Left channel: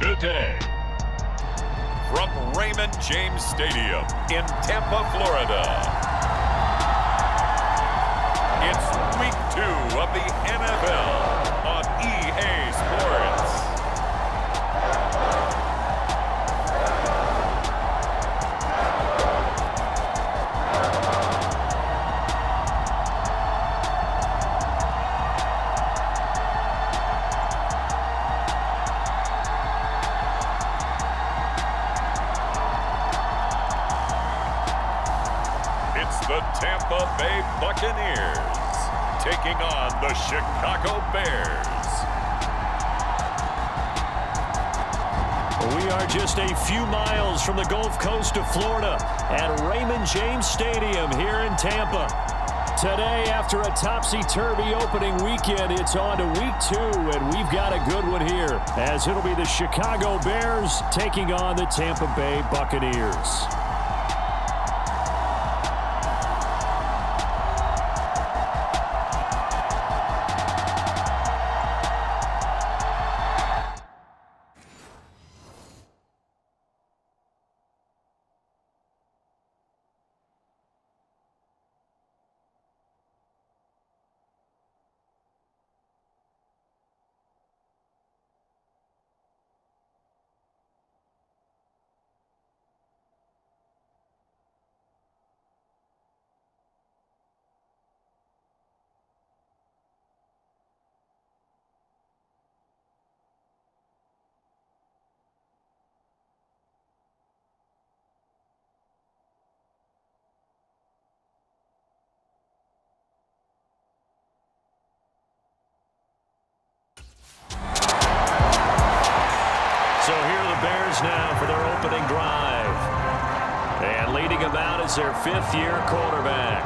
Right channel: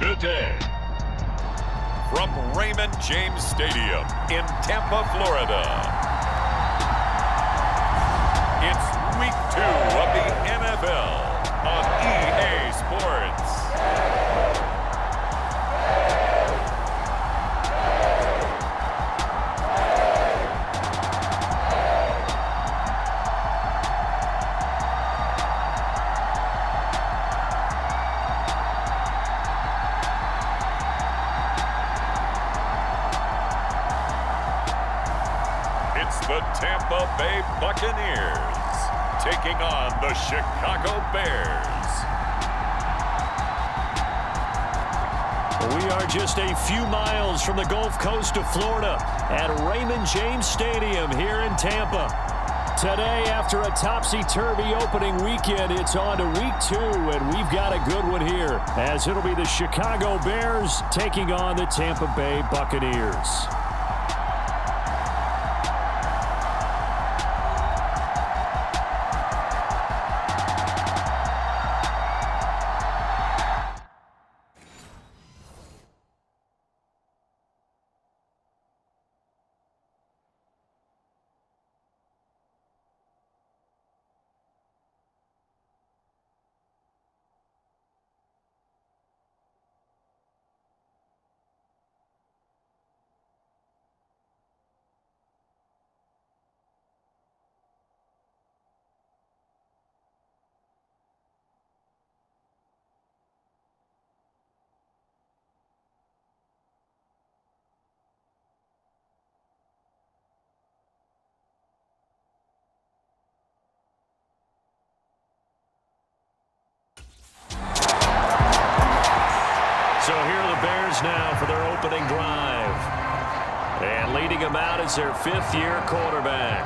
today. From Raymond James Stadium in Tampa, Florida, it's Week 2 of the NFL on EA Sports. It's the Tampa Bay Buccaneers taking on the Chicago Bears. We are just a few miles from the Gulf Coast of Florida at Raymond James Stadium here in Tampa. Today, after a topsy-turvy opening weekend, it's on to Week 2, and we've got a good one here, as it'll be the Chicago Bears taking on the Tampa Bay Buccaneers. So here are the Bears now for their opening drive. And leading them out is their fifth-year quarterback.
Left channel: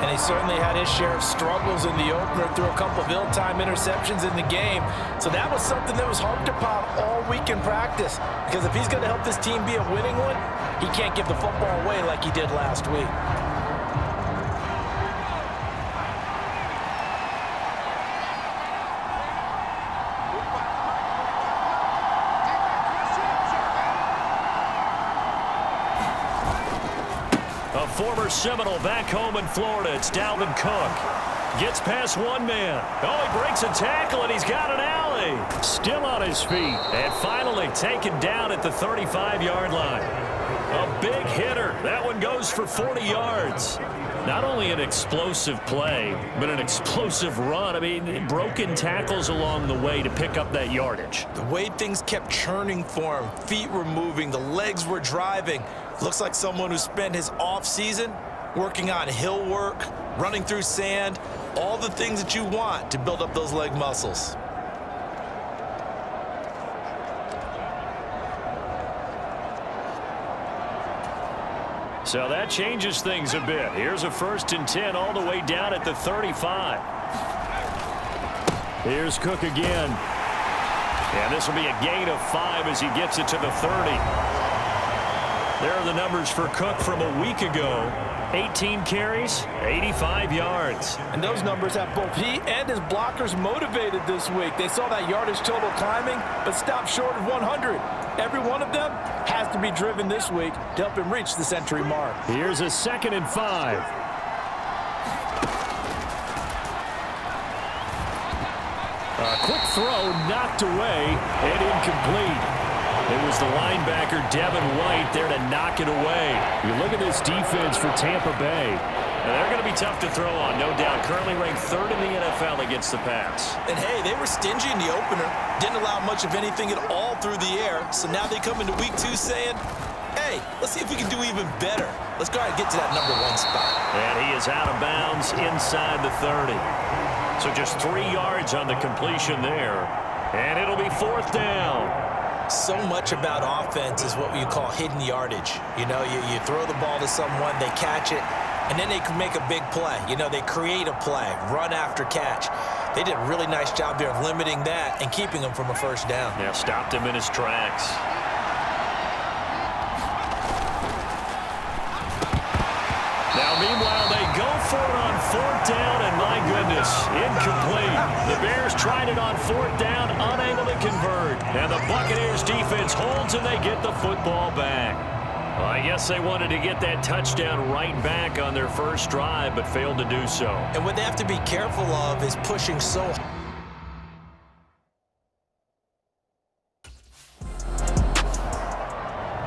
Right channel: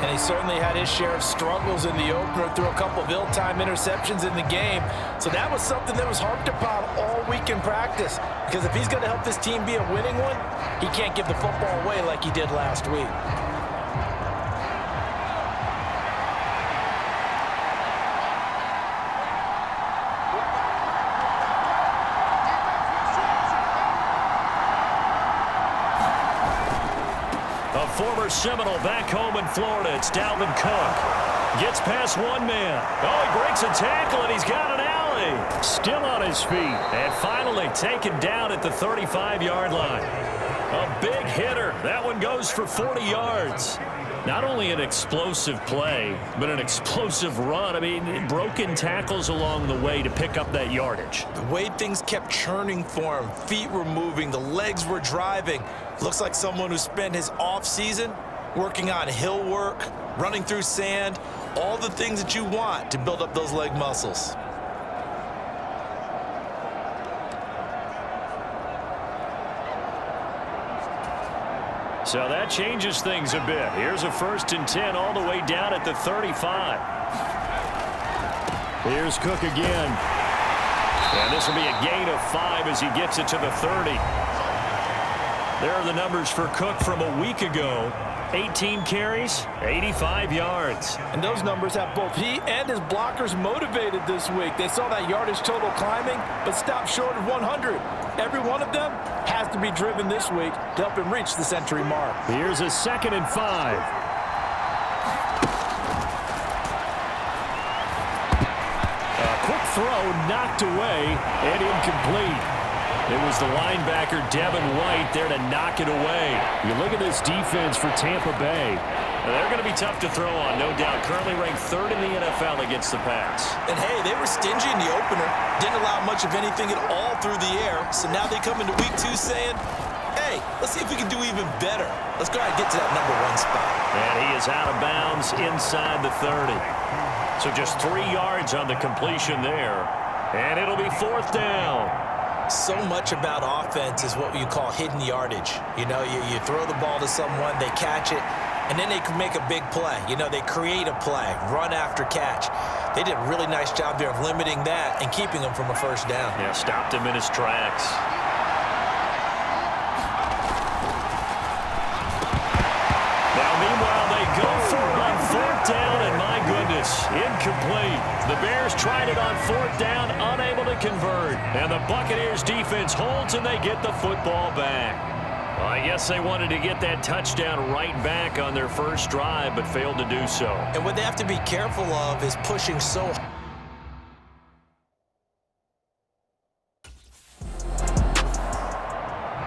And he certainly had his share of struggles in the opener, threw a couple of ill-timed interceptions in the game. So that was something that was harped upon all week in practice. Because if he's going to help this team be a winning one, he can't give the football away like he did last week. A former Seminole back home in Florida. It's Dalvin Cook. Gets past one man. Oh, he breaks a tackle, and he's got an alley. Still on his feet. And finally taken down at the 35-yard line. A big hitter. That one goes for 40 yards. Not only an explosive play, but an explosive run. I mean, broken tackles along the way to pick up that yardage. The way things kept churning for him, feet were moving, the legs were driving. Looks like someone who spent his off-season working on hill work, running through sand, all the things that you want to build up those leg muscles. So that changes things a bit. Here's a 1st and 10 all the way down at the 35. Here's Cook again. And this will be a gain of 5 as he gets it to the 30. There are the numbers for Cook from a week ago. 18 carries, 85 yards. And those numbers have both he and his blockers motivated this week. They saw that yardage total climbing, but stopped short of 100. Every one of them has to be driven this week to help him reach the century mark. Here's a 2nd and 5. A quick throw knocked away and incomplete. It was the linebacker, Devin White, there to knock it away. You look at this defense for Tampa Bay. Now, they're going to be tough to throw on, no doubt. Currently ranked 3rd in the NFL against the pass. And, hey, they were stingy in the opener. Didn't allow much of anything at all through the air. So now they come into Week 2 saying, hey, let's see if we can do even better. Let's go ahead and get to that #1 spot. And he is out of bounds inside the 30. So just 3 yards on the completion there. And it'll be 4th down. So much about offense is what you call hidden yardage. You know, you throw the ball to someone, they catch it, and then they can make a big play. You know, they create a play, run after catch. They did a really nice job there of limiting that and keeping him from a 1st down. Yeah, stopped him in his tracks. Now, meanwhile, they go for it on fourth down, and my goodness, incomplete. The Bears tried it on fourth down, unable to convert. And the Buccaneers defense holds, and they get the football back. Well, I guess they wanted to get that touchdown right back on their first drive, but failed to do so. And what they have to be careful of is pushing so hard.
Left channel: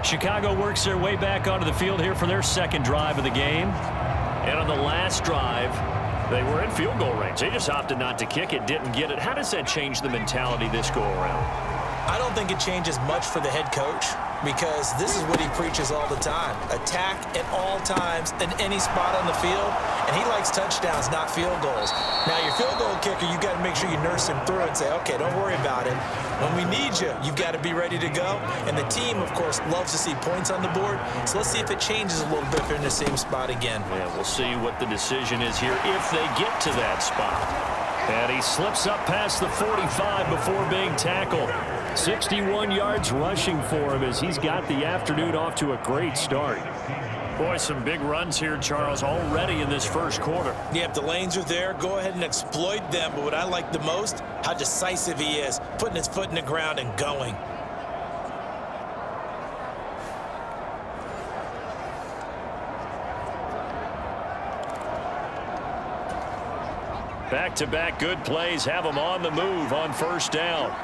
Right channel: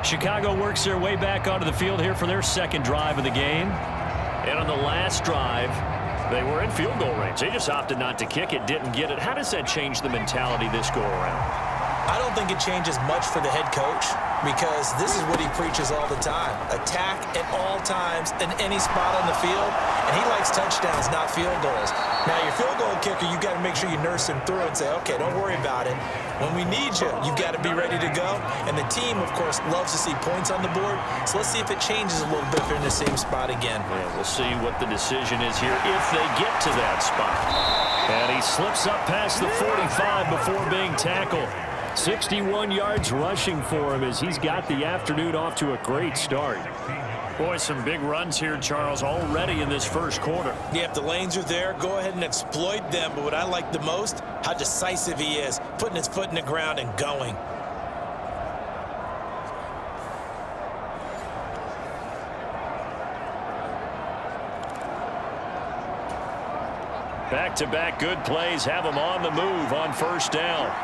Chicago works their way back onto the field here for their second drive of the game. And on the last drive, they were in field goal range. They just opted not to kick it, didn't get it. How does that change the mentality this go around? I don't think it changes much for the head coach, because this is what he preaches all the time. Attack at all times in any spot on the field, and he likes touchdowns, not field goals. Now, your field goal kicker, you've got to make sure you nurse him through and say, okay, don't worry about it. When we need you, you've got to be ready to go. And the team, of course, loves to see points on the board. So let's see if it changes a little bit if they're in the same spot again. Yeah, we'll see what the decision is here if they get to that spot. And he slips up past the 45 before being tackled. 61 yards rushing for him as he's got the afternoon off to a great start. Boy, some big runs here, Charles, already in this first quarter. Yeah, if the lanes are there, go ahead and exploit them. But what I like the most, how decisive he is, putting his foot in the ground and going. Back-to-back good plays have him on the move on first down.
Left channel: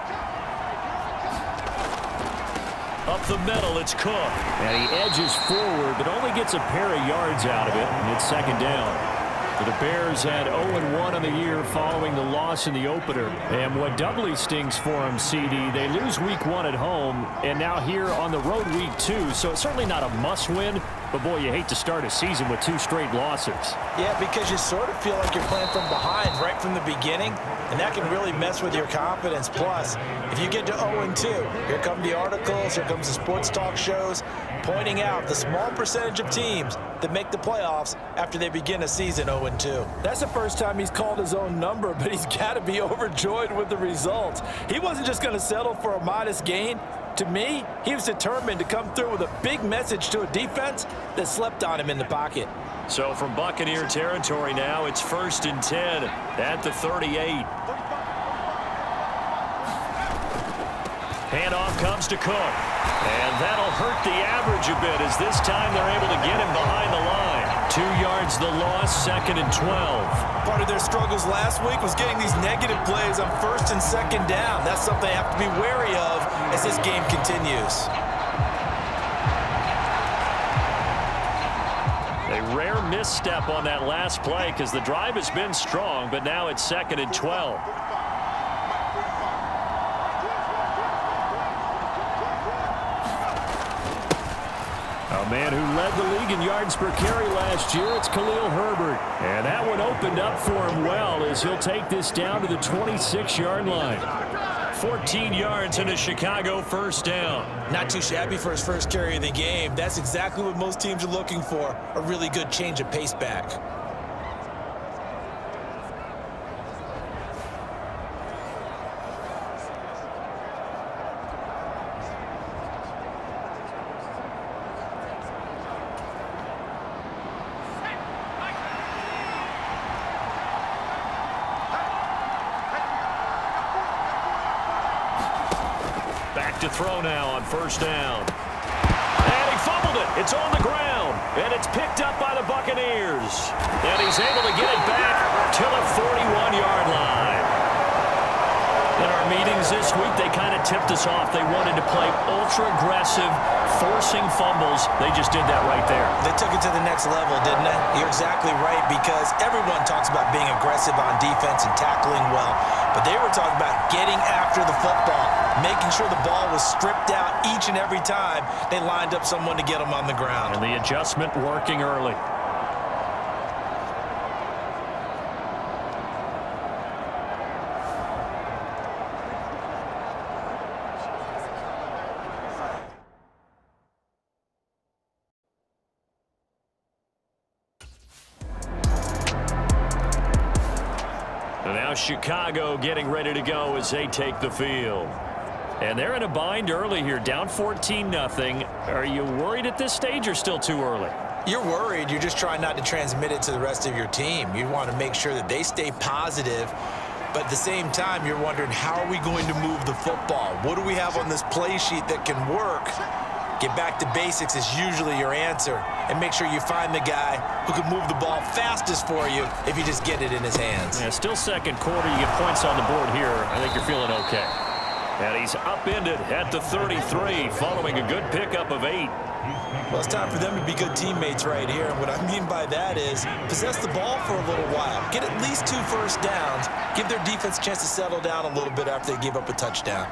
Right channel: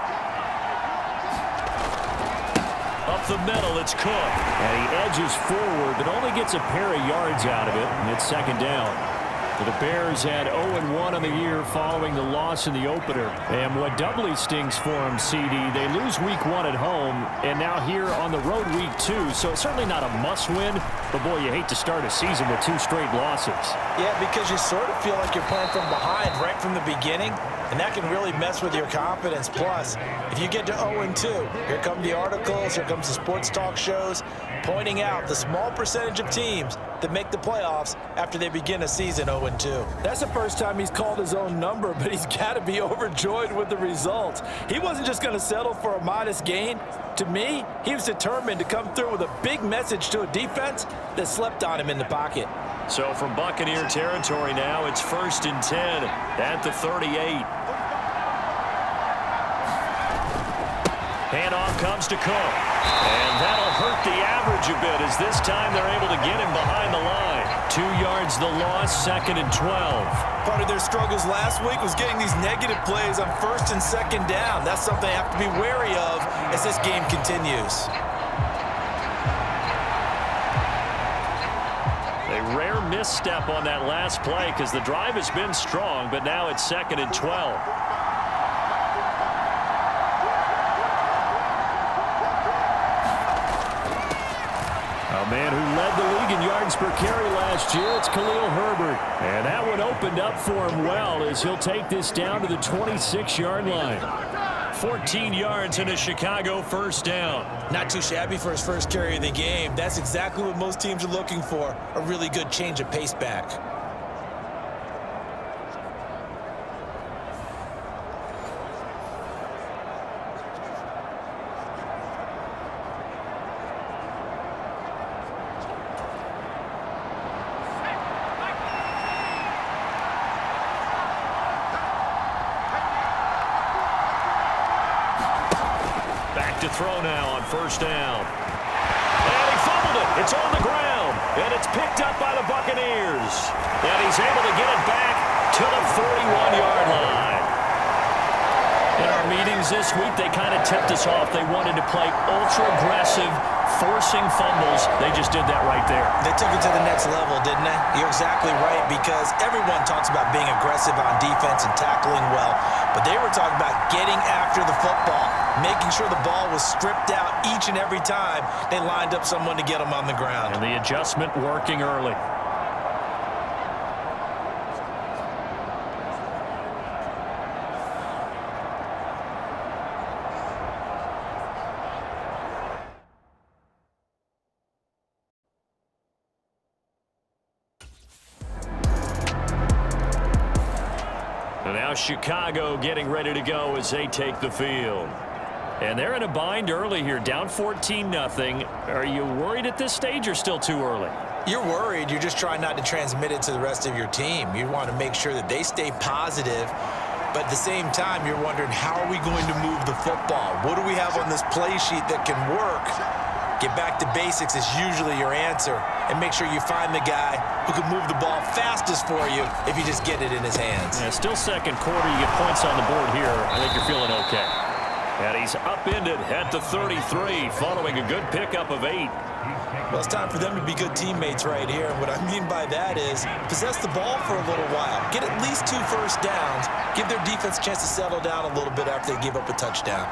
Up the middle, it's Cook. And he edges forward, but only gets a pair of yards out of it, and it's second down. The Bears had 0-1 on the year following the loss in the opener. And what doubly stings for them, CD, they lose week 1 at home, and now here on the road week 2. So it's certainly not a must-win, but boy, you hate to start a season with 2 straight losses. Yeah, because you sort of feel like you're playing from behind right from the beginning, and that can really mess with your confidence. Plus, if you get to 0-2, here come the articles, here comes the sports talk shows, pointing out the small percentage of teams that make the playoffs after they begin a season 0-2. That's the first time he's called his own number, but he's got to be overjoyed with the results. He wasn't just going to settle for a modest gain. To me, he was determined to come through with a big message to a defense that slept on him in the pocket. So from Buccaneer territory now, it's 1st and 10 at the 38. Handoff comes to Cook. And that'll hurt the average a bit as this time they're able to get him behind the line. 2 yards the loss, 2nd and 12. Part of their struggles last week was getting these negative plays on 1st and 2nd down. That's something they have to be wary of as this game continues. A rare misstep on that last play because the drive has been strong, but now it's 2nd and 12. A man who led the league in yards per carry last year, it's Khalil Herbert. And that one opened up for him well as he'll take this down to the 26-yard line. 14 yards and a Chicago first down. Not too shabby for his first carry of the game. That's exactly what most teams are looking for, a really good change of pace back. To throw now on first down. And he fumbled it. It's on the ground. And it's picked up by the Buccaneers. And he's able to get it back to the 41-yard line. In our meetings this week, they kind of tipped us off. They wanted to play ultra-aggressive, forcing fumbles. They just did that right there. They took it to the next level, didn't they? You're exactly right, because everyone talks about being aggressive on defense and tackling well, but they were talking about getting after the football, making sure the ball was stripped out each and every time they lined up someone to get them on the ground. And the adjustment working early. And now Chicago getting ready to go as they take the field. And they're in a bind early here, down 14-0. Are you worried at this stage or still too early? You're worried. You're just trying not to transmit it to the rest of your team. You want to make sure that they stay positive, but at the same time, you're wondering, how are we going to move the football? What do we have on this play sheet that can work? Get back to basics is usually your answer, and make sure you find the guy who can move the ball fastest for you if you just get it in his hands. Yeah, still second quarter. You get points on the board here. I think you're feeling okay. And he's upended at the 33 following a good pickup of 8. Well, it's time for them to be good teammates right here. And what I mean by that is possess the ball for a little while. Get at least 2 first downs. Give their defense a chance to settle down a little bit after they give up a touchdown.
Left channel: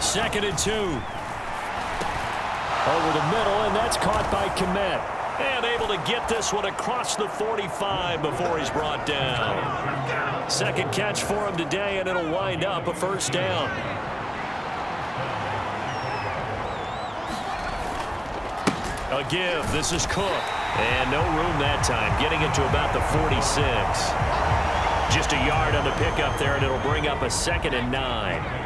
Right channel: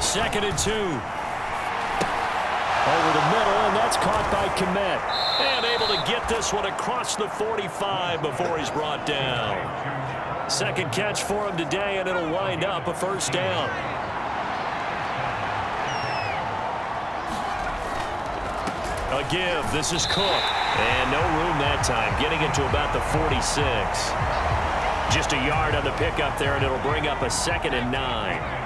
2nd and 2. Over the middle, and that's caught by Kmet. And able to get this one across the 45 before he's brought down. Second catch for him today, and it'll wind up a first down. A give. This is Cook. And no room that time. Getting it to about the 46. Just a yard on the pickup there, and it'll bring up a 2nd and 9.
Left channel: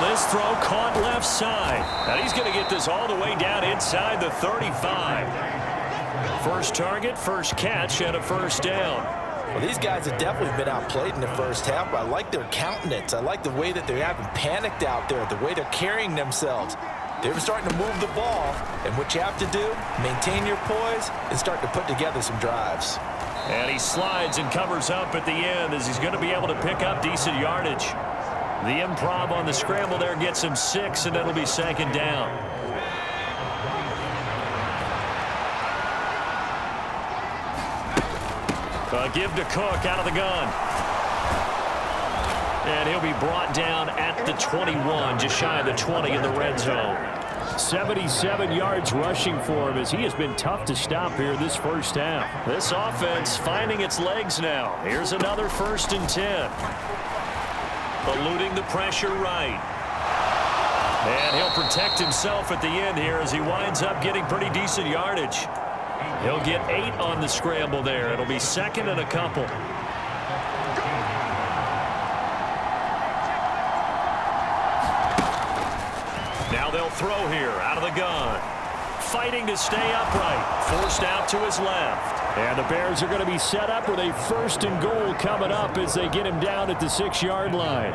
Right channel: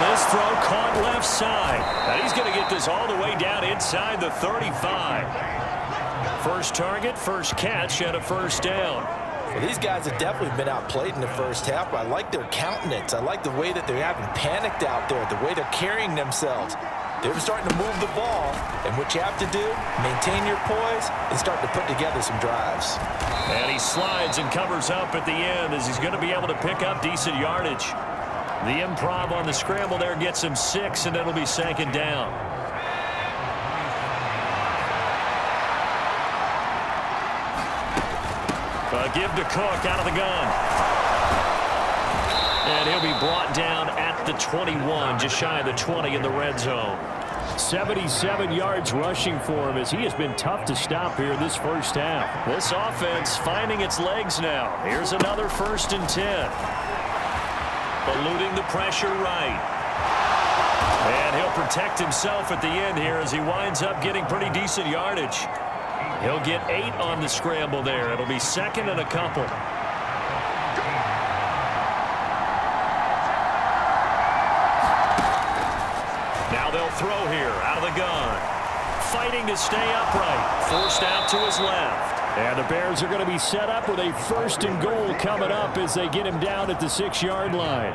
This throw caught left side. And he's going to get this all the way down inside the 35. First target, first catch, and a first down. Well, these guys have definitely been outplayed in the first half, but I like their countenance. I like the way that they haven't panicked out there, the way they're carrying themselves. They're starting to move the ball, and what you have to do, maintain your poise and start to put together some drives. And he slides and covers up at the end as he's going to be able to pick up decent yardage. The improv on the scramble there gets him 6, and it'll be 2nd down. A give to Cook out of the gun. And he'll be brought down at the 21, just shy of the 20 in the red zone. 77 yards rushing for him as he has been tough to stop here this first half. This offense finding its legs now. Here's another 1st and 10. Eluding the pressure right. And he'll protect himself at the end here as he winds up getting pretty decent yardage. He'll get 8 on the scramble there. It'll be 2nd and a couple. Now they'll throw here out of the gun. Fighting to stay upright. Forced out to his left. And the Bears are going to be set up with a 1st and goal coming up as they get him down at the 6-yard line.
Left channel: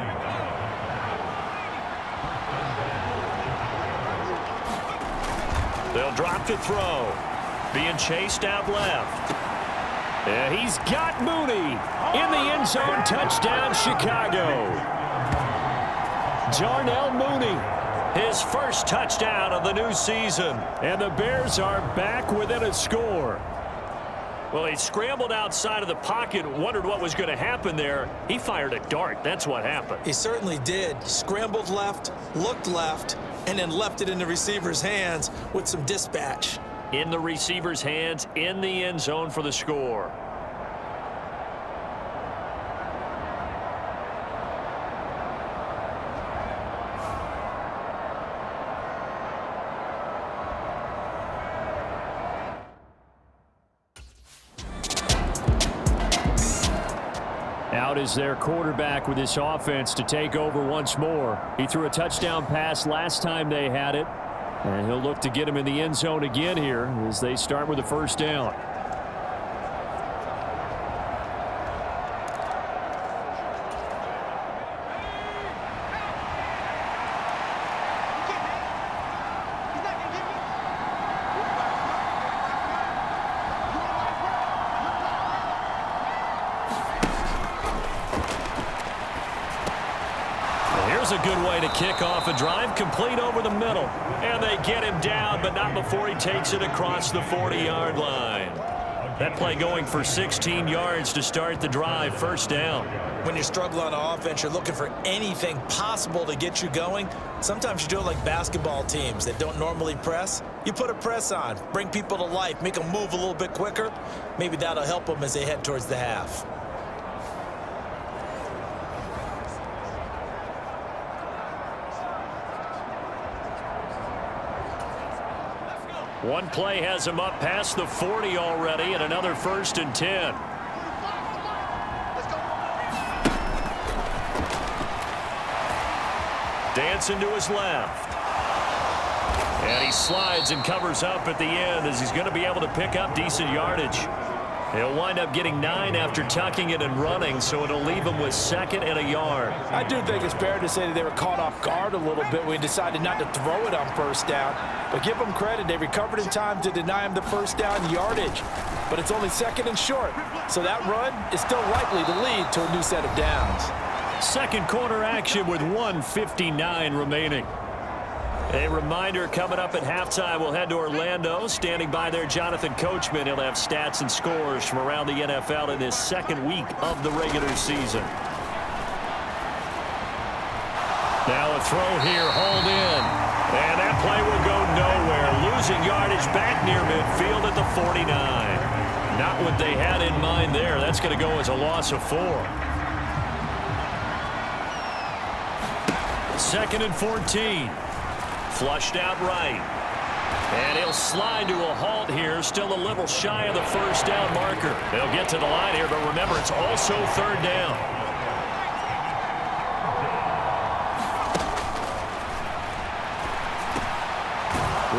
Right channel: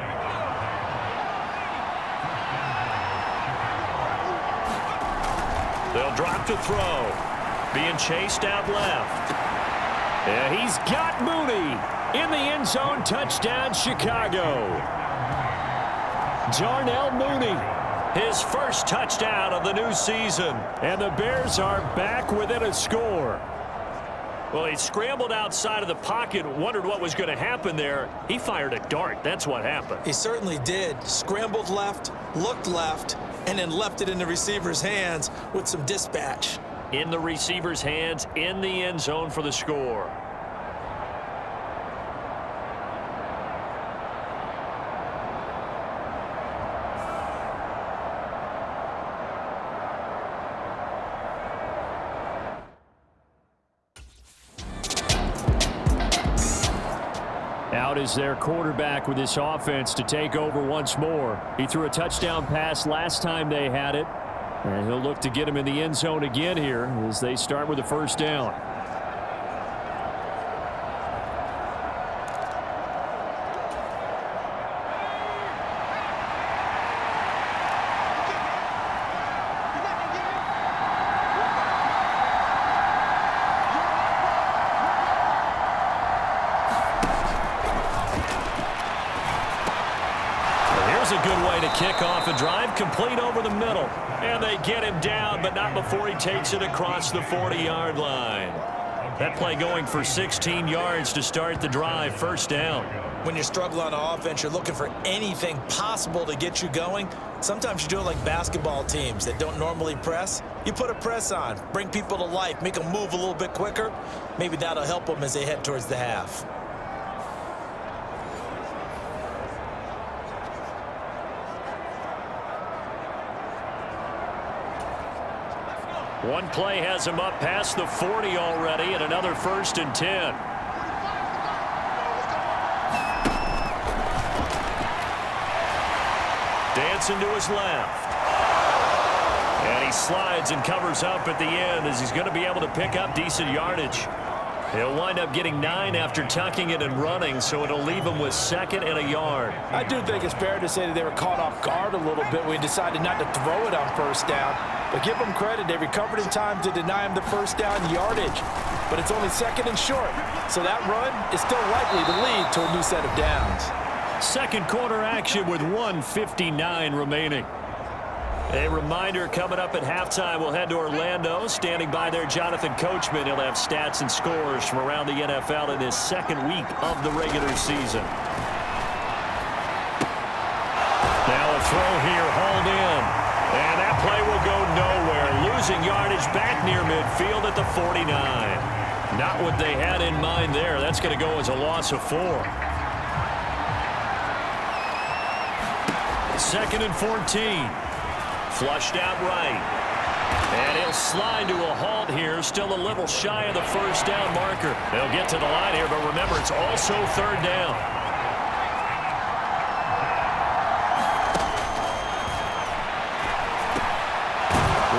They'll drop to throw. Being chased out left. And he's got Mooney in the end zone. Touchdown, Chicago. Darnell Mooney. His first touchdown of the new season. And the Bears are back within a score. Well, he scrambled outside of the pocket, wondered what was going to happen there. He fired a dart. That's what happened. He certainly did. Scrambled left, looked left, and then left it in the receiver's hands with some dispatch. In the receiver's hands, in the end zone for the score. Out is their quarterback with this offense to take over once more. He threw a touchdown pass last time they had it. And he'll look to get him in the end zone again here as they start with the first down. Here's a good way to kick off a drive, complete over the middle. And they get him down, but not before he takes it across the 40-yard line. That play going for 16 yards to start the drive, first down. When you're struggling on offense, you're looking for anything possible to get you going. Sometimes you do it like basketball teams that don't normally press. You put a press on, bring people to life, make them move a little bit quicker. Maybe that'll help them as they head towards the half. One play has him up past the 40 already, and another 1st and 10. Dancing to his left. And he slides and covers up at the end as he's going to be able to pick up decent yardage. He'll wind up getting 9 after tucking it and running, so it'll leave him with 2nd and a yard. I do think it's fair to say that they were caught off guard a little bit when he decided not to throw it on first down. But give them credit, they recovered in time to deny him the first down yardage. But it's only 2nd and short, so that run is still likely to lead to a new set of downs. Second quarter action with 1:59 remaining. A reminder, coming up at halftime, we'll head to Orlando. Standing by there, Jonathan Coachman. He'll have stats and scores from around the NFL in his 2nd week of the regular season. Now a throw here, hauled in. And that play will go nowhere. Losing yardage back near midfield at the 49. Not what they had in mind there. That's going to go as a loss of 4. 2nd and 14. Flushed out right. And he'll slide to a halt here. Still a little shy of the first down marker. They'll get to the line here, but remember, it's also 3rd down.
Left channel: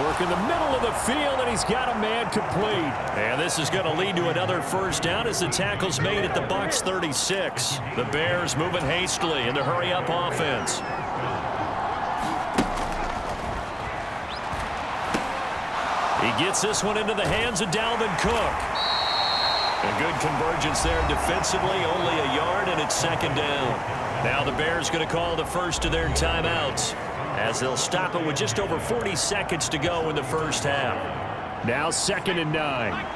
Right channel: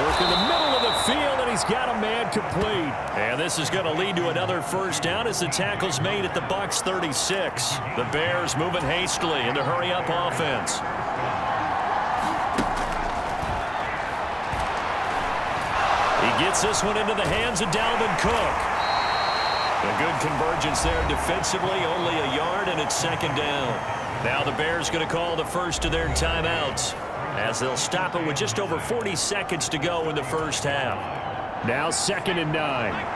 Work in the middle of the field, and he's got a man complete. And this is going to lead to another first down as the tackle's made at the Bucs 36. The Bears moving hastily in the hurry-up offense. He gets this one into the hands of Dalvin Cook. A good convergence there defensively, only a yard, and it's 2nd down. Now the Bears going to call the first of their timeouts as they'll stop it with just over 40 seconds to go in the first half. Now 2nd and 9.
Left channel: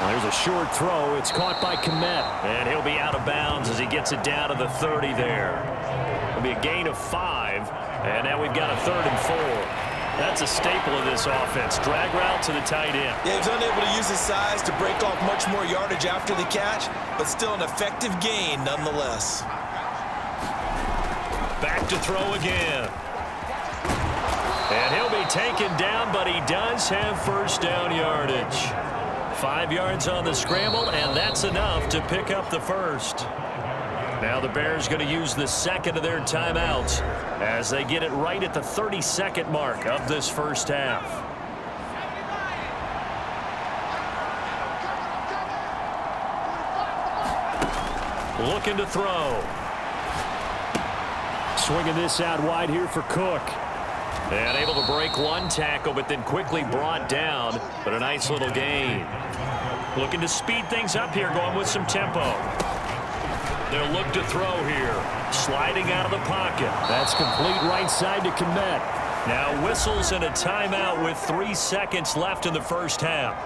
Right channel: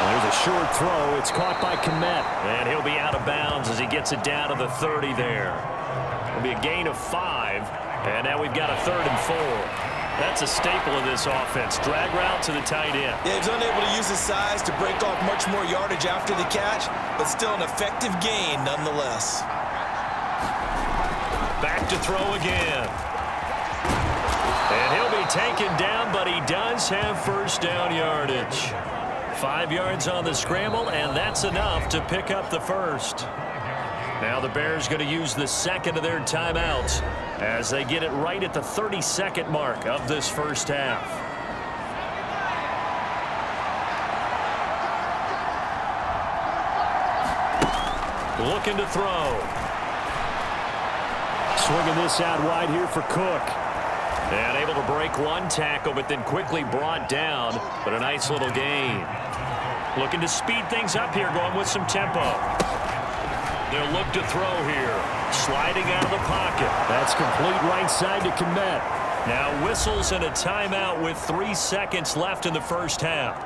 There's a short throw. It's caught by Kmet. And he'll be out of bounds as he gets it down to the 30 there. It'll be a gain of 5. And now we've got a 3rd and 4. That's a staple of this offense. Drag route to the tight end. Yeah, he's unable to use his size to break off much more yardage after the catch, but still an effective gain nonetheless. Back to throw again. And he'll be taken down, but he does have first down yardage. 5 yards on the scramble, and that's enough to pick up the first. Now the Bears going to use the 2nd of their timeouts as they get it right at the 32nd mark of this first half. Looking to throw. Swinging this out wide here for Cook. And able to break one tackle, but then quickly brought down. But a nice little gain. Looking to speed things up here, going with some tempo. They'll look to throw here. Sliding out of the pocket. That's complete right side to Kmet. Now whistles and a timeout with 3 seconds left in the first half.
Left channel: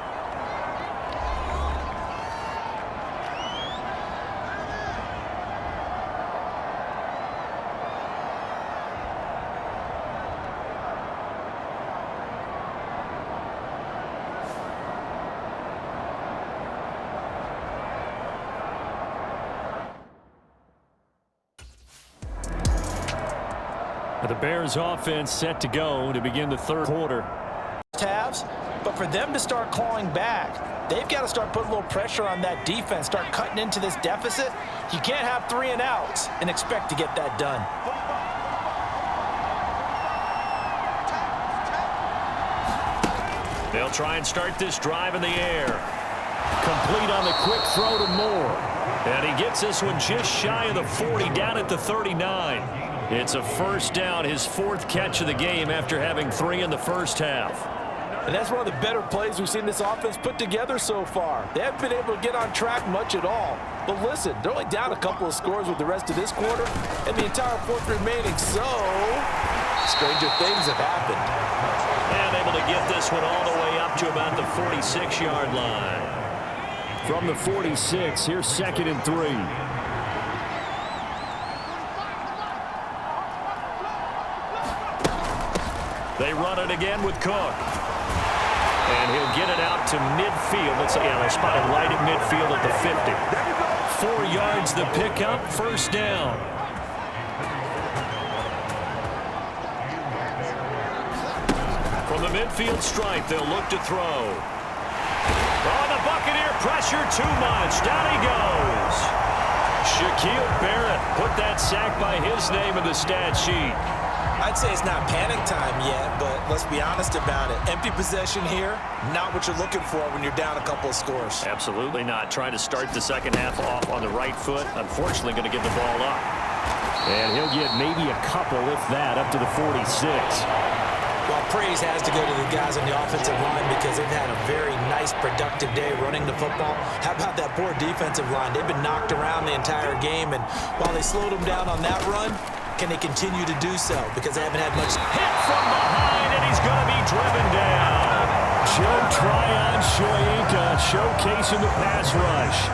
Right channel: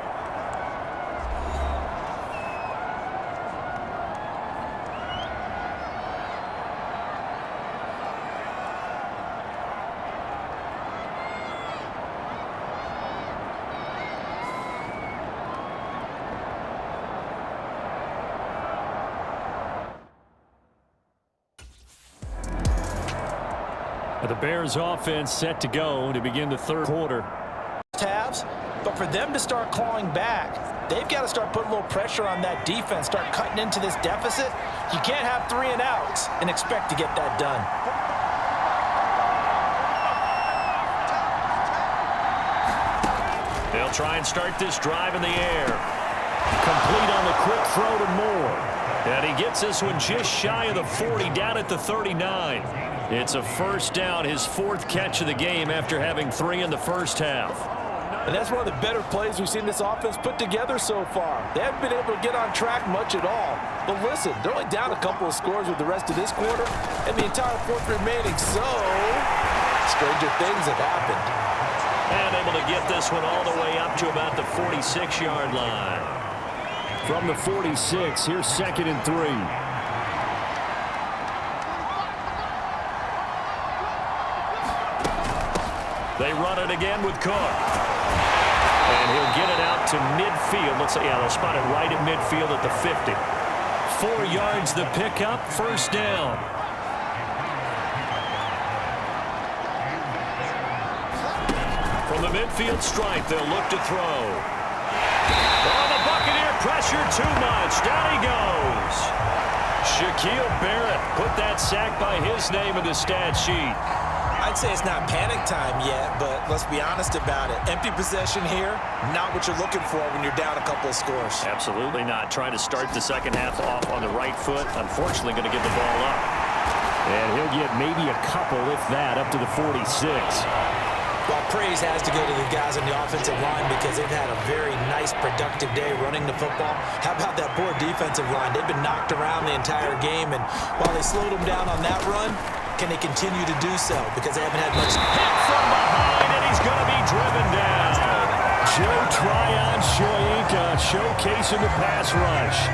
The Bears offense set to go to begin the 3rd quarter. Halves, but for them to start clawing back, they've got to start putting a little pressure on that defense, start cutting into this deficit. You can't have 3 and outs and expect to get that done. They'll try and start this drive in the air. Complete on the quick throw to Moore. And he gets this one just shy of the 40, down at the 39. It's a first down, his 4th catch of the game after having 3 in the first half. And that's one of the better plays we've seen this offense put together so far. They haven't been able to get on track much at all. But listen, they're only down a couple of scores with the rest of this quarter and the entire 4th remaining. So, stranger things have happened. And able to get this one all the way up to about the 46-yard line. From the 46, here's 2nd and 3. They run it again with Cook. And he'll get it out to midfield. They'll spot it right at midfield at the 50. 4 yards the pickup, first down. From the midfield stripe, they'll look to throw. Oh, the Buccaneer pressure too much. Down he goes. Shaquille Barrett put that sack by his name in the stat sheet. I'd say it's not panic time yet, but let's be honest about it. Empty possession here, not what you're looking for when you're down a couple of scores. Absolutely not. Trying to start the second half off on the right foot. Unfortunately, going to give the ball up. And he'll get maybe a couple, if that, up to the 46. Well, praise has to go to the guys on the offensive line because they've had a very nice, productive day running the football. How about that poor defensive line? They've been knocked around the entire game, and while they slowed them down on that run, can they continue to do so? Because they haven't had much. Hit from behind, and he's going to be driven down. Joe Tryon Shoyinka showcasing the pass rush.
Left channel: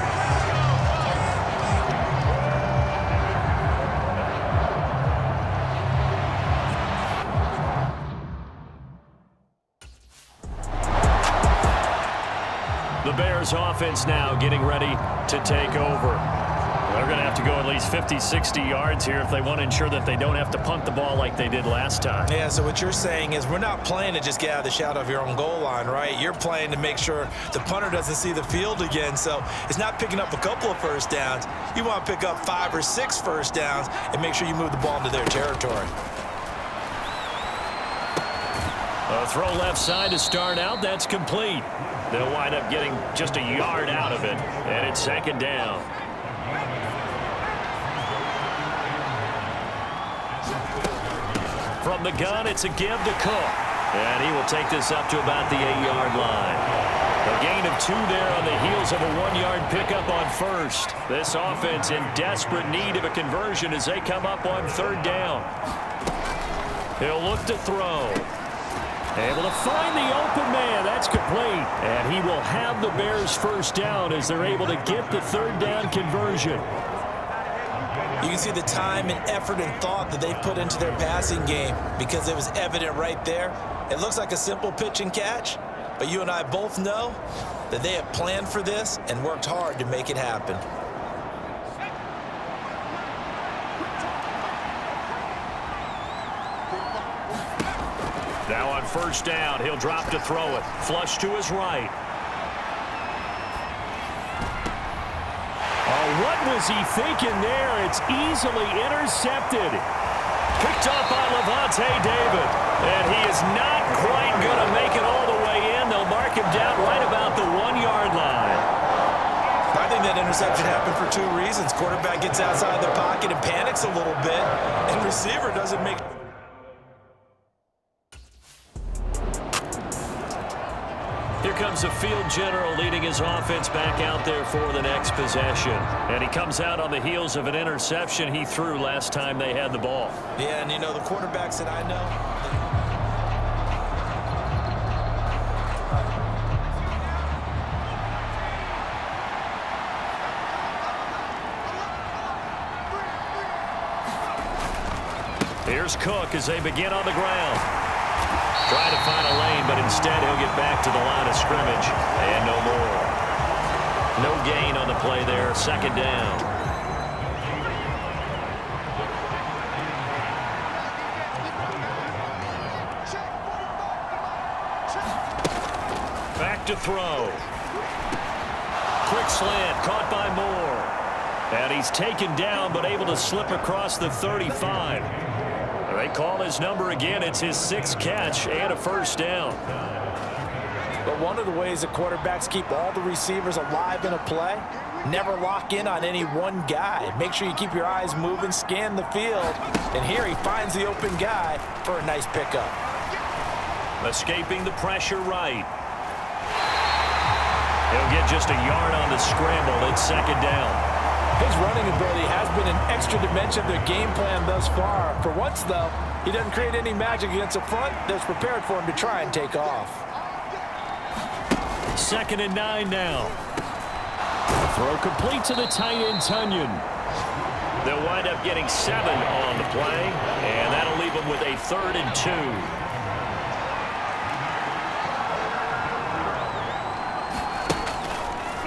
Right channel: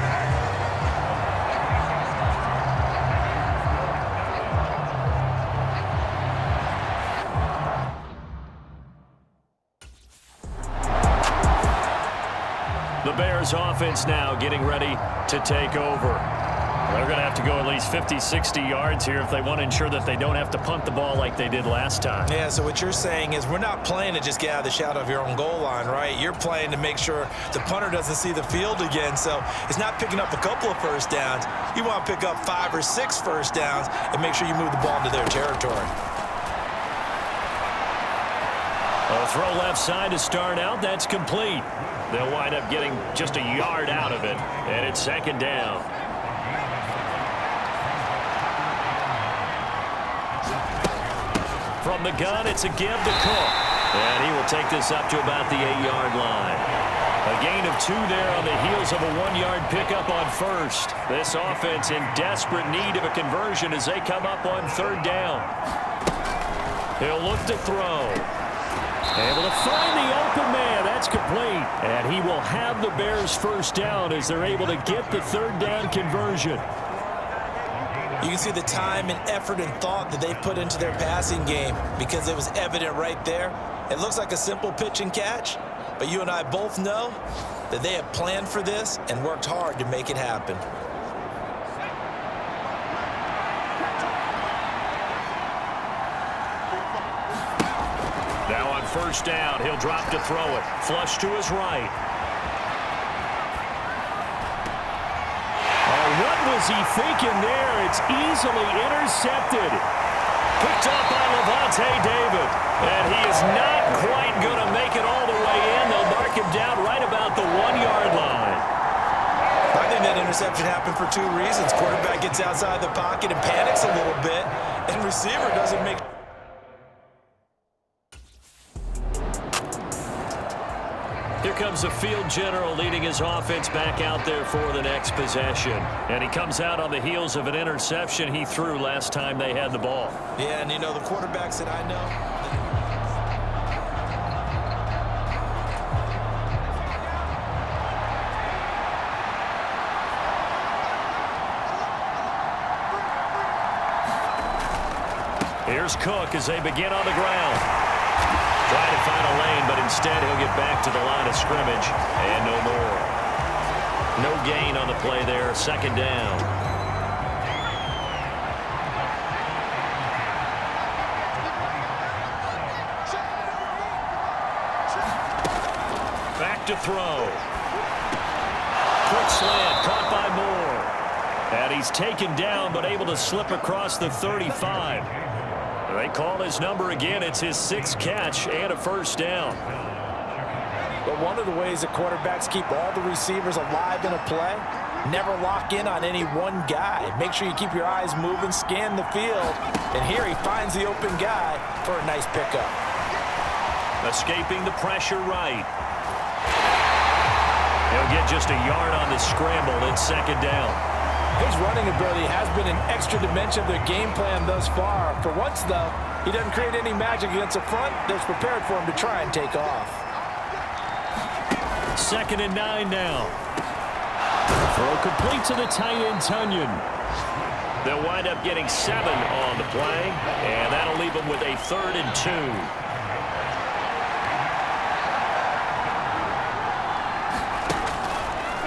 The Bears offense now getting ready to take over. They're going to have to go at least 50, 60 yards here if they want to ensure that they don't have to punt the ball like they did last time. Yeah, so what you're saying is we're not playing to just get out of the shadow of your own goal line, right? You're playing to make sure the punter doesn't see the field again. So it's not picking up a couple of first downs. You want to pick up 5 or 6 first downs and make sure you move the ball into their territory. A throw left side to start out. That's complete. They'll wind up getting just a yard out of it, and it's second down. From the gun, it's a give to Cook. And he will take this up to about the 8-yard line. A gain of 2 there on the heels of a 1-yard pickup on first. This offense in desperate need of a conversion as they come up on third down. He'll look to throw. Able to find the open man. That's complete. And he will have the Bears first down as they're able to get the third down conversion. You can see the time and effort and thought that they put into their passing game because it was evident right there. It looks like a simple pitch and catch, but you and I both know that they have planned for this and worked hard to make it happen. Now on first down, he'll drop to throw it. Flush to his right. Oh, what was he thinking there? It's easily intercepted. Picked up by Levante David. And he is not quite going to make it all the way in. They'll mark him down right about the 1-yard line. I think that interception happened for 2 reasons. Quarterback gets outside the pocket and panics a little bit, and receiver doesn't make. Here comes the field general leading his offense back out there for the next possession. And he comes out on the heels of an interception he threw last time they had the ball. Yeah, and you know, the quarterbacks that I know. Here's Cook as they begin on the ground. Trying to find a lane, but instead he'll get back to the line of scrimmage and no more. No gain on the play there, second down. Back to throw. Quick slant, caught by Moore. And he's taken down, but able to slip across the 35. They call his number again. It's his 6th catch and a first down. But one of the ways that quarterbacks keep all the receivers alive in a play, never lock in on any one guy. Make sure you keep your eyes moving, scan the field, and here he finds the open guy for a nice pickup. Escaping the pressure right. He'll get just a yard on the scramble. It's second down. His running ability has been an extra dimension of their game plan thus far. For once, though, he doesn't create any magic against the front that's prepared for him to try and take off. 2nd and 9 now. Throw complete to the tight end, Tunyon. They'll wind up getting 7 on the play, and that'll leave them with a 3rd and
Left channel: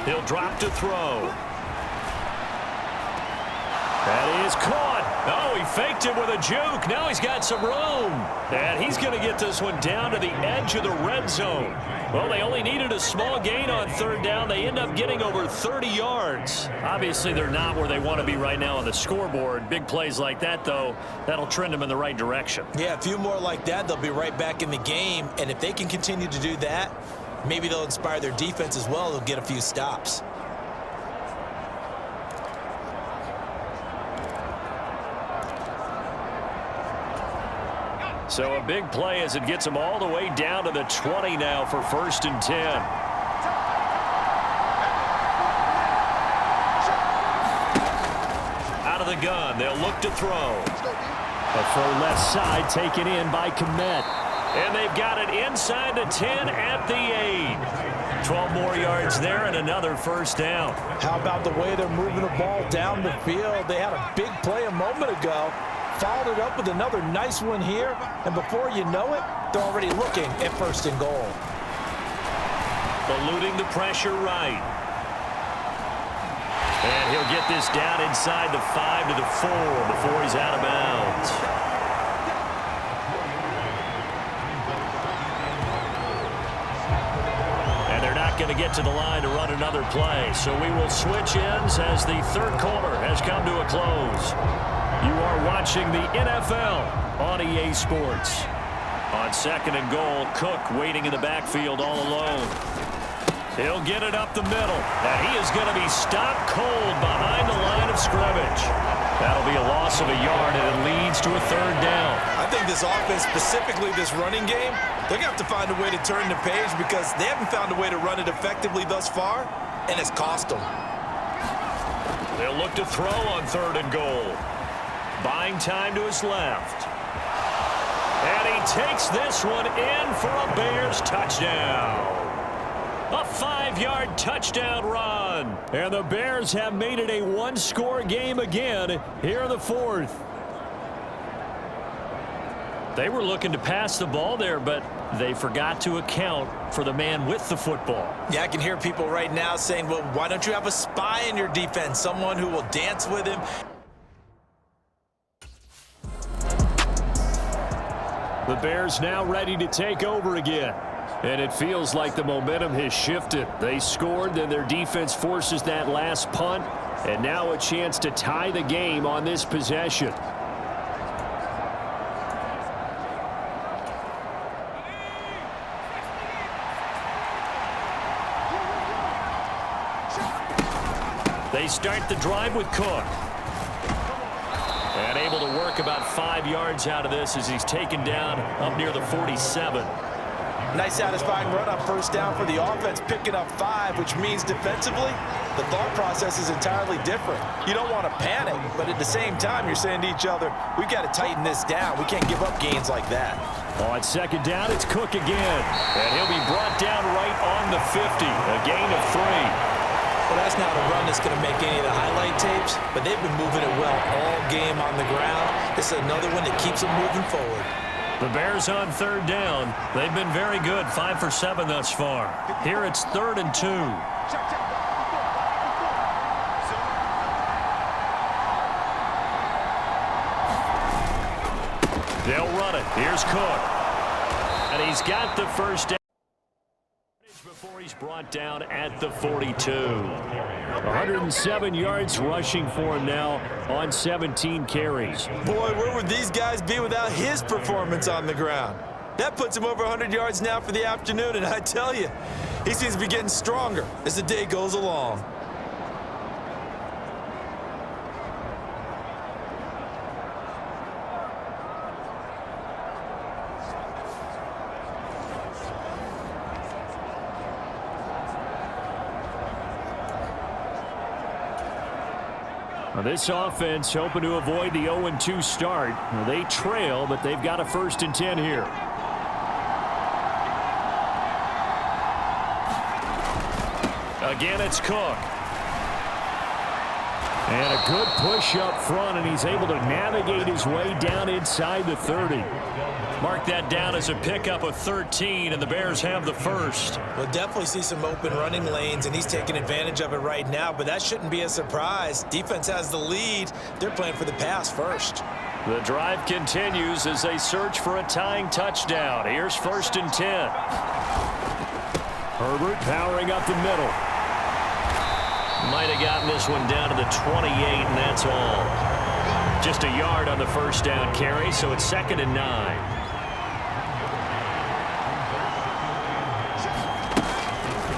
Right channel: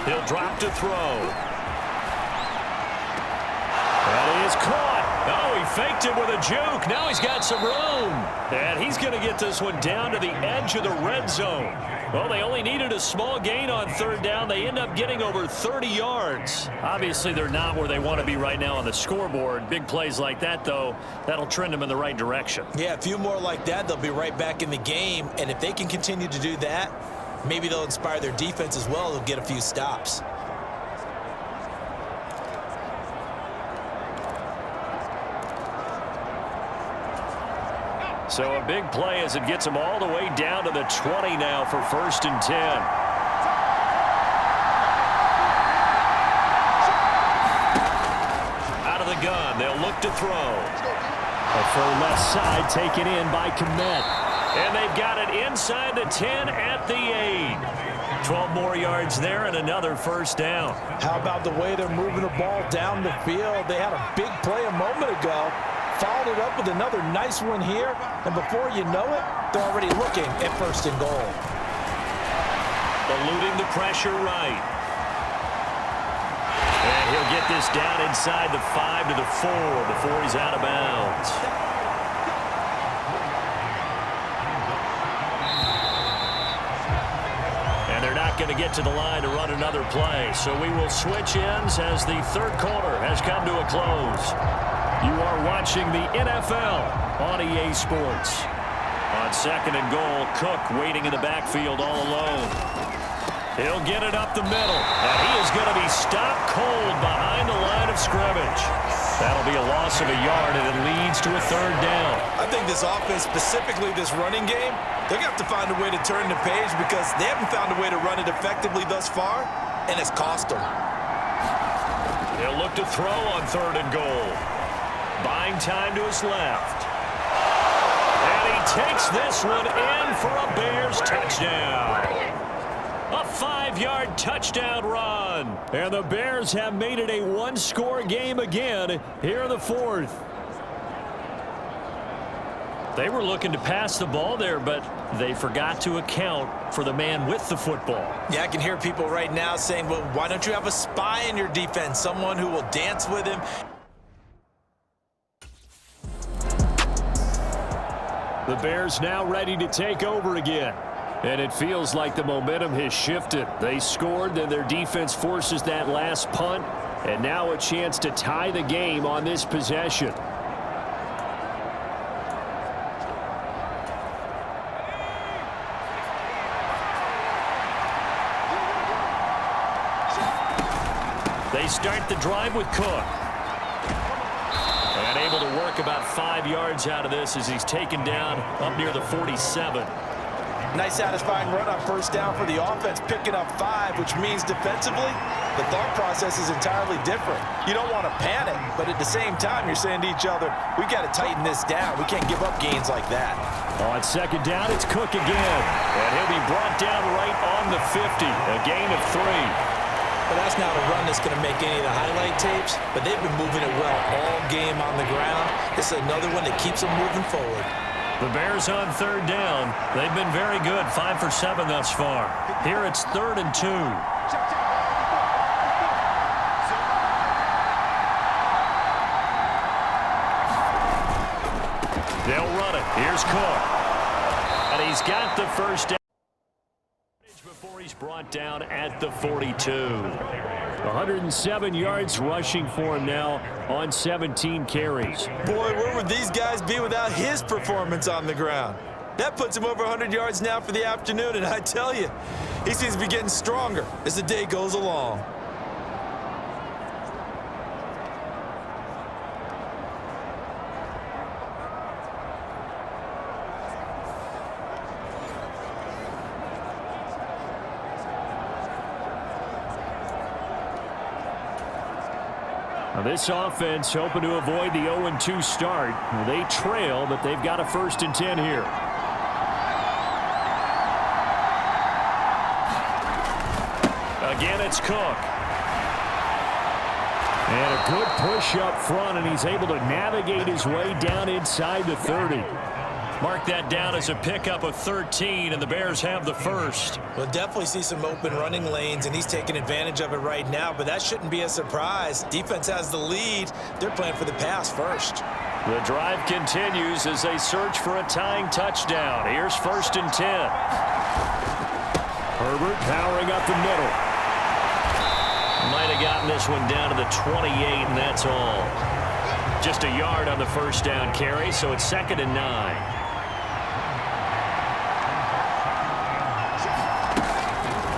2. He'll drop to throw. That is caught. Oh, he faked it with a juke. Now he's got some room. And he's going to get this one down to the edge of the red zone. Well, they only needed a small gain on third down. They end up getting over 30 yards. Obviously, they're not where they want to be right now on the scoreboard. Big plays like that, though, that'll trend them in the right direction. Yeah, a few more like that, they'll be right back in the game. And if they can continue to do that, maybe they'll inspire their defense as well. They'll get a few stops. So a big play as it gets them all the way down to the 20 now for 1st and 10. Out of the gun, they'll look to throw. A full left side taken in by Komet. And they've got it inside the 10 at the 8. 12 more yards there and another 1st down. How about the way they're moving the ball down the field? They had a big play a moment ago. Followed it up with another nice one here, and before you know it, they're already looking at 1st and goal. Eluding the pressure right. And he'll get this down inside the 5 to the 4 before he's out of bounds. And they're not going to get to the line to run another play, so we will switch ends as the 3rd quarter has come to a close. You are watching the NFL on EA Sports. On 2nd and goal, Cook waiting in the backfield all alone. He'll get it up the middle, and he is going to be stopped cold behind the line of scrimmage. That'll be a loss of a yard, and it leads to a 3rd down. I think this offense, specifically this running game, they're going to have to find a way to turn the page because they haven't found a way to run it effectively thus far, and it's cost them. They'll look to throw on 3rd and goal. Buying time to his left. And he takes this one in for a Bears touchdown. A 5-yard touchdown run. And the Bears have made it a one-score game again here in the 4th. They were looking to pass the ball there, but they forgot to account for the man with the football. Yeah, I can hear people right now saying, well, why don't you have a spy in your defense, someone who will dance with him? The Bears now ready to take over again. And it feels like the momentum has shifted. They scored, then their defense forces that last punt. And now a chance to tie the game on this possession. They start the drive with Cook. And able to work about 5 yards out of this as he's taken down up near the 47. Nice satisfying run on 1st down for the offense, picking up 5, which means defensively, the thought process is entirely different. You don't want to panic, but at the same time, you're saying to each other, we've got to tighten this down. We can't give up gains like that. On 2nd down, it's Cook again. And he'll be brought down right on the 50, a gain of 3. Well, that's not a run that's going to make any of the highlight tapes, but they've been moving it well all game on the ground. This is another one that keeps them moving forward. The Bears on 3rd down. They've been very good, 5 for 7 thus far. Here it's 3rd and 2. They'll run it. Here's Cook. And he's got the 1st down before he's brought down at the 42. 107 yards rushing for him now on 17 carries. Boy, where would these guys be without his performance on the ground? That puts him over 100 yards now for the afternoon, and I tell you, he seems to be getting stronger as the day goes along. Now this offense hoping to avoid the 0-2 start. Now they trail, but they've got a 1st and 10 here. Again, it's Cook. And a good push up front, and he's able to navigate his way down inside the 30. Mark that down as a pickup of 13, and the Bears have the first. We'll definitely see some open running lanes, and he's taking advantage of it right now, but that shouldn't be a surprise. Defense has the lead. They're playing for the pass first. The drive continues as they search for a tying touchdown. Here's 1st and 10. Herbert powering up the middle. Might have gotten this one down to the 28, and that's all. Just a yard on the first down carry, so it's 2nd and 9.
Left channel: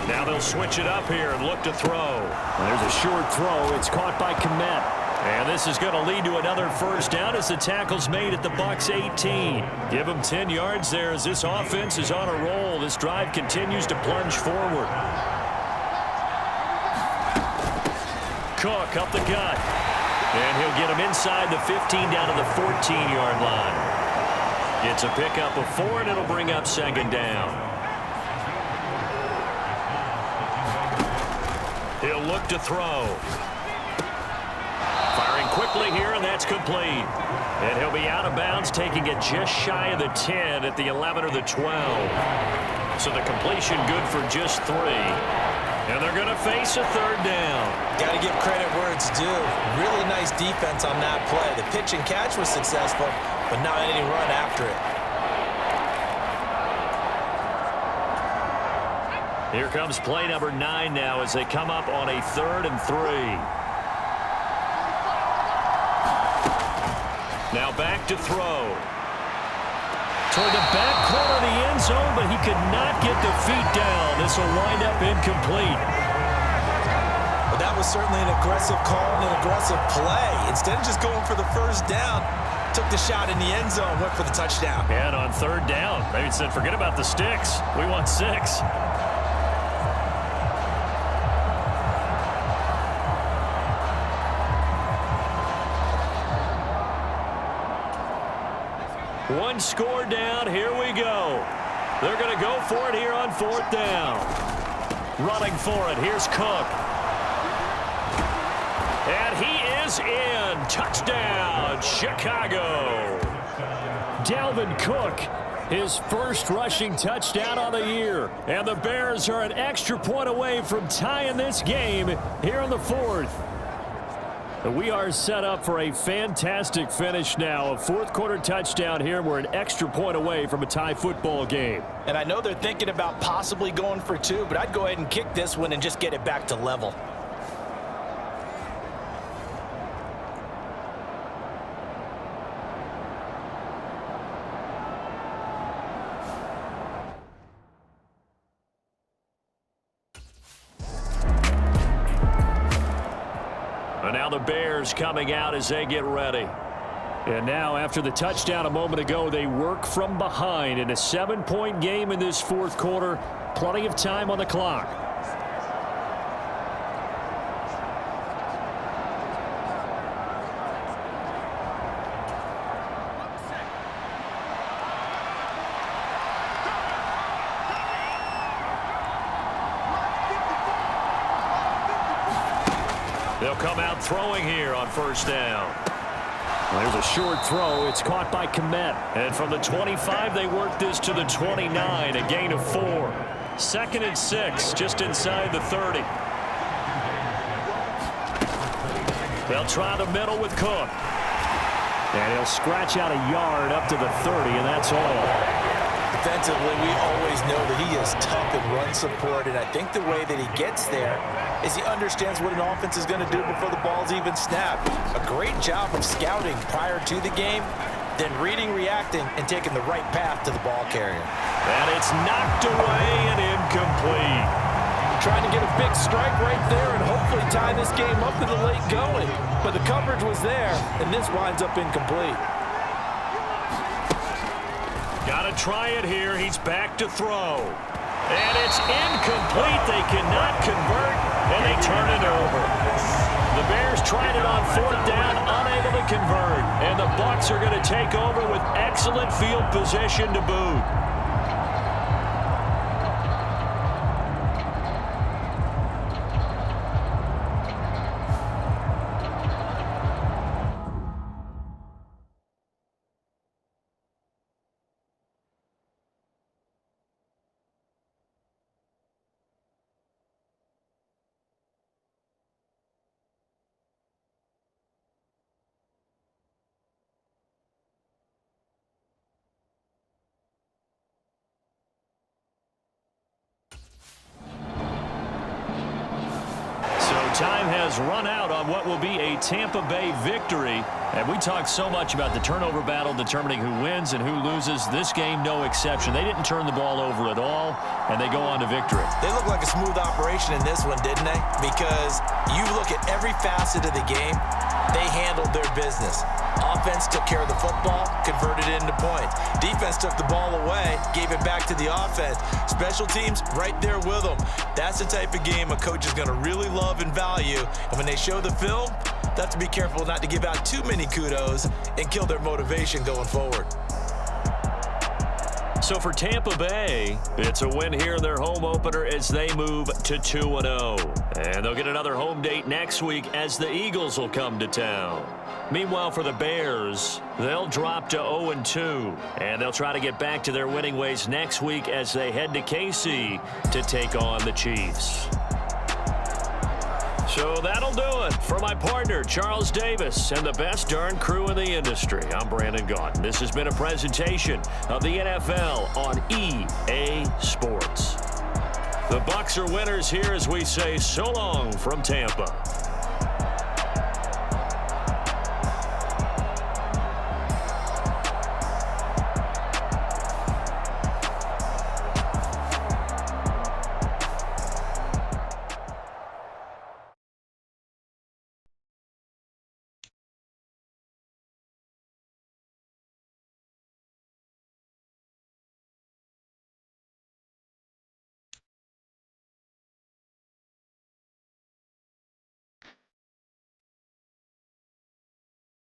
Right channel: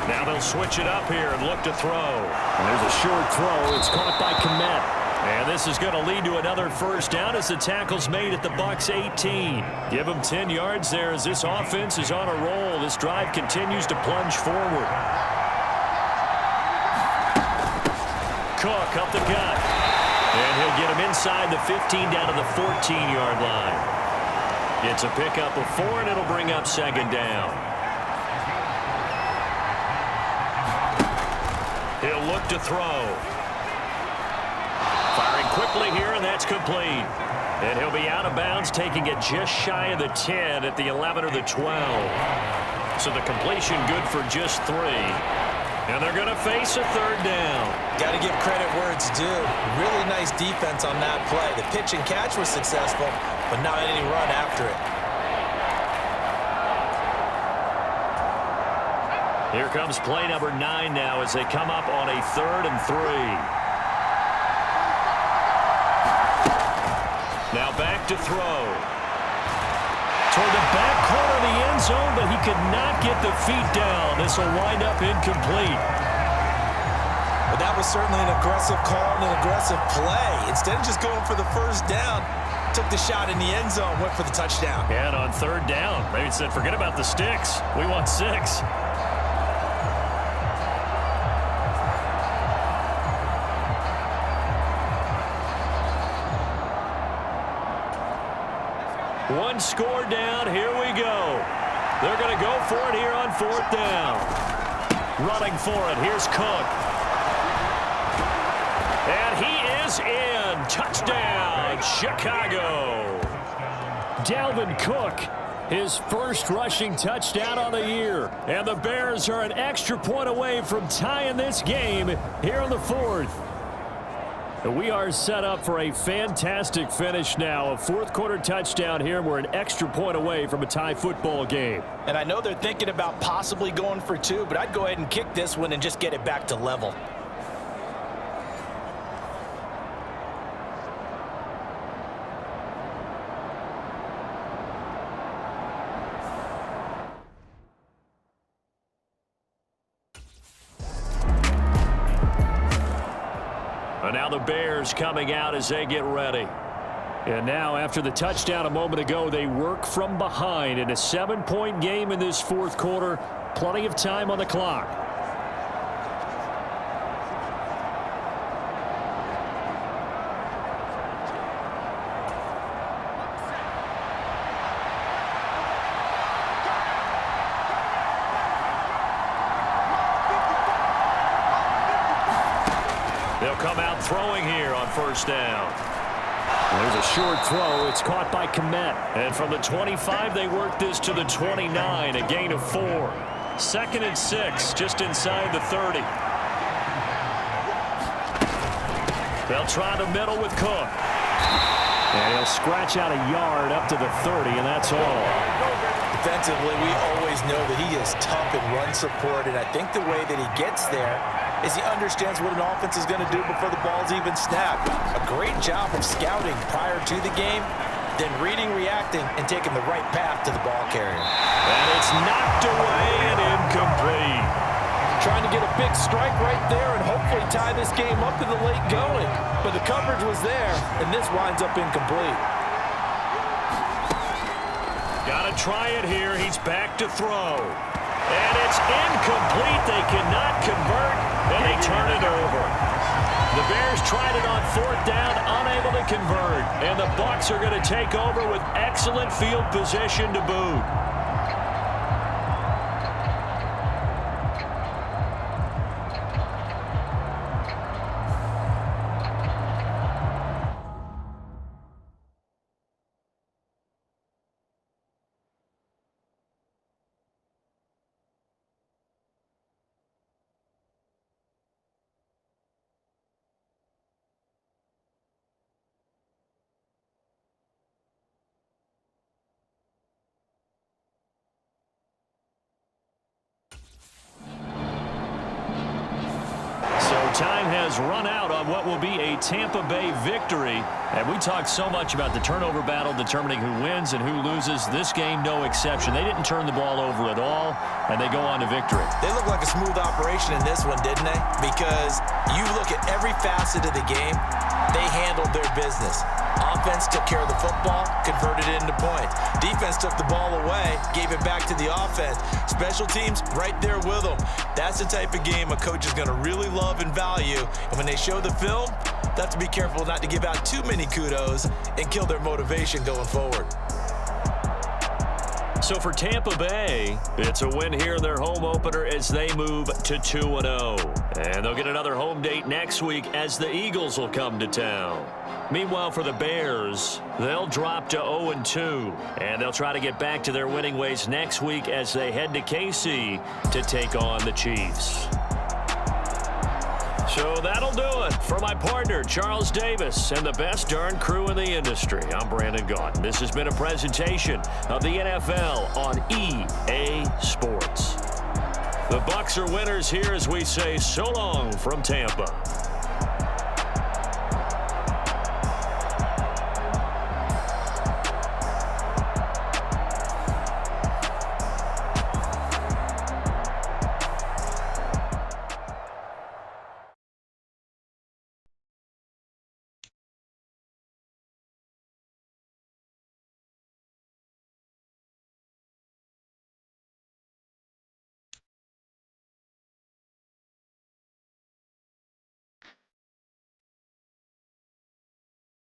Now they'll switch it up here and look to throw. And there's a short throw. It's caught by Kmet. And this is going to lead to another first down as the tackle's made at the Bucs 18. Give them 10 yards there as this offense is on a roll. This drive continues to plunge forward. Cook up the gut. And he'll get him inside the 15 down to the 14-yard line. It's a pickup of 4, and it'll bring up 2nd down. He'll look to throw. Firing quickly here, and that's complete. And he'll be out of bounds, taking it just shy of the 10 at the 11 or the 12. So the completion good for just 3. And they're going to face a 3rd down. Got to give credit where it's due. Really nice defense on that play. The pitch and catch was successful, but not any run after it. Here comes play number 9 now as they come up on a 3rd and 3. Now back to throw. Toward the back corner of the end zone, but he could not get the feet down. This will wind up incomplete. But that was certainly an aggressive call and an aggressive play. Instead of just going for the first down, took the shot in the end zone, went for the touchdown. And on 3rd down, they said, forget about the sticks. We want 6. One score down. Here we go. They're going to go for it here on 4th down. Running for it. Here's Cook. And he is in. Touchdown, Chicago. Dalvin Cook, his first rushing touchdown on the year. And the Bears are an extra point away from tying this game here in the 4th. We are set up for a fantastic finish now. A 4th quarter touchdown here. We're an extra point away from a tie football game. And I know they're thinking about possibly going for 2, but I'd go ahead and kick this one and just get it back to level. And now the Bears coming out as they get ready. And now after the touchdown a moment ago, they work from behind in a 7-point game in this 4th quarter. Plenty of time on the clock. They'll come out throwing here on 1st down. There's a short throw. It's caught by Kmet. And from the 25, they work this to the 29, a gain of 4. 2nd and 6, just inside the 30. They'll try the middle with Cook. And he'll scratch out a yard up to the 30, and that's all. Defensively, we always know that he is tough in run support, and I think the way that he gets there is he understands what an offense is going to do before the ball's even snapped. A great job of scouting prior to the game, then reading, reacting, and taking the right path to the ball carrier. And it's knocked away and incomplete. Trying to get a big strike right there and hopefully tie this game up to the late going. But the coverage was there, and this winds up incomplete. Got to try it here. He's back to throw. And it's incomplete. They cannot convert, and they turn it over. The Bears tried it on 4th down, unable to convert. And the Bucs are going to take over with excellent field position to boot. time has run out on what will be a Tampa Bay victory. And we talked so much about the turnover battle determining who wins and who loses. This game, no exception. They didn't turn the ball over at all, and they go on to victory. They look like a smooth operation in this one, didn't they? Because you look at every facet of the game, they handled their business. Offense took care of the football, converted it into points. Defense took the ball away, gave it back to the offense. Special teams right there with them. That's the type of game a coach is going to really love and value. And when they show the film, they have to be careful not to give out too many kudos and kill their motivation going forward. So for Tampa Bay, it's a win here in their home opener as they move to 2-0. And they'll get another home date next week as the Eagles will come to town. Meanwhile, for the Bears, they'll drop to 0-2, and they'll try to get back to their winning ways next week as they head to KC to take on the Chiefs. So that'll do it. For my partner, Charles Davis, and the best darn crew in the industry, I'm Brandon Gaudin. This has been a presentation of the NFL on EA Sports. The Bucs are winners here as we say so long from Tampa.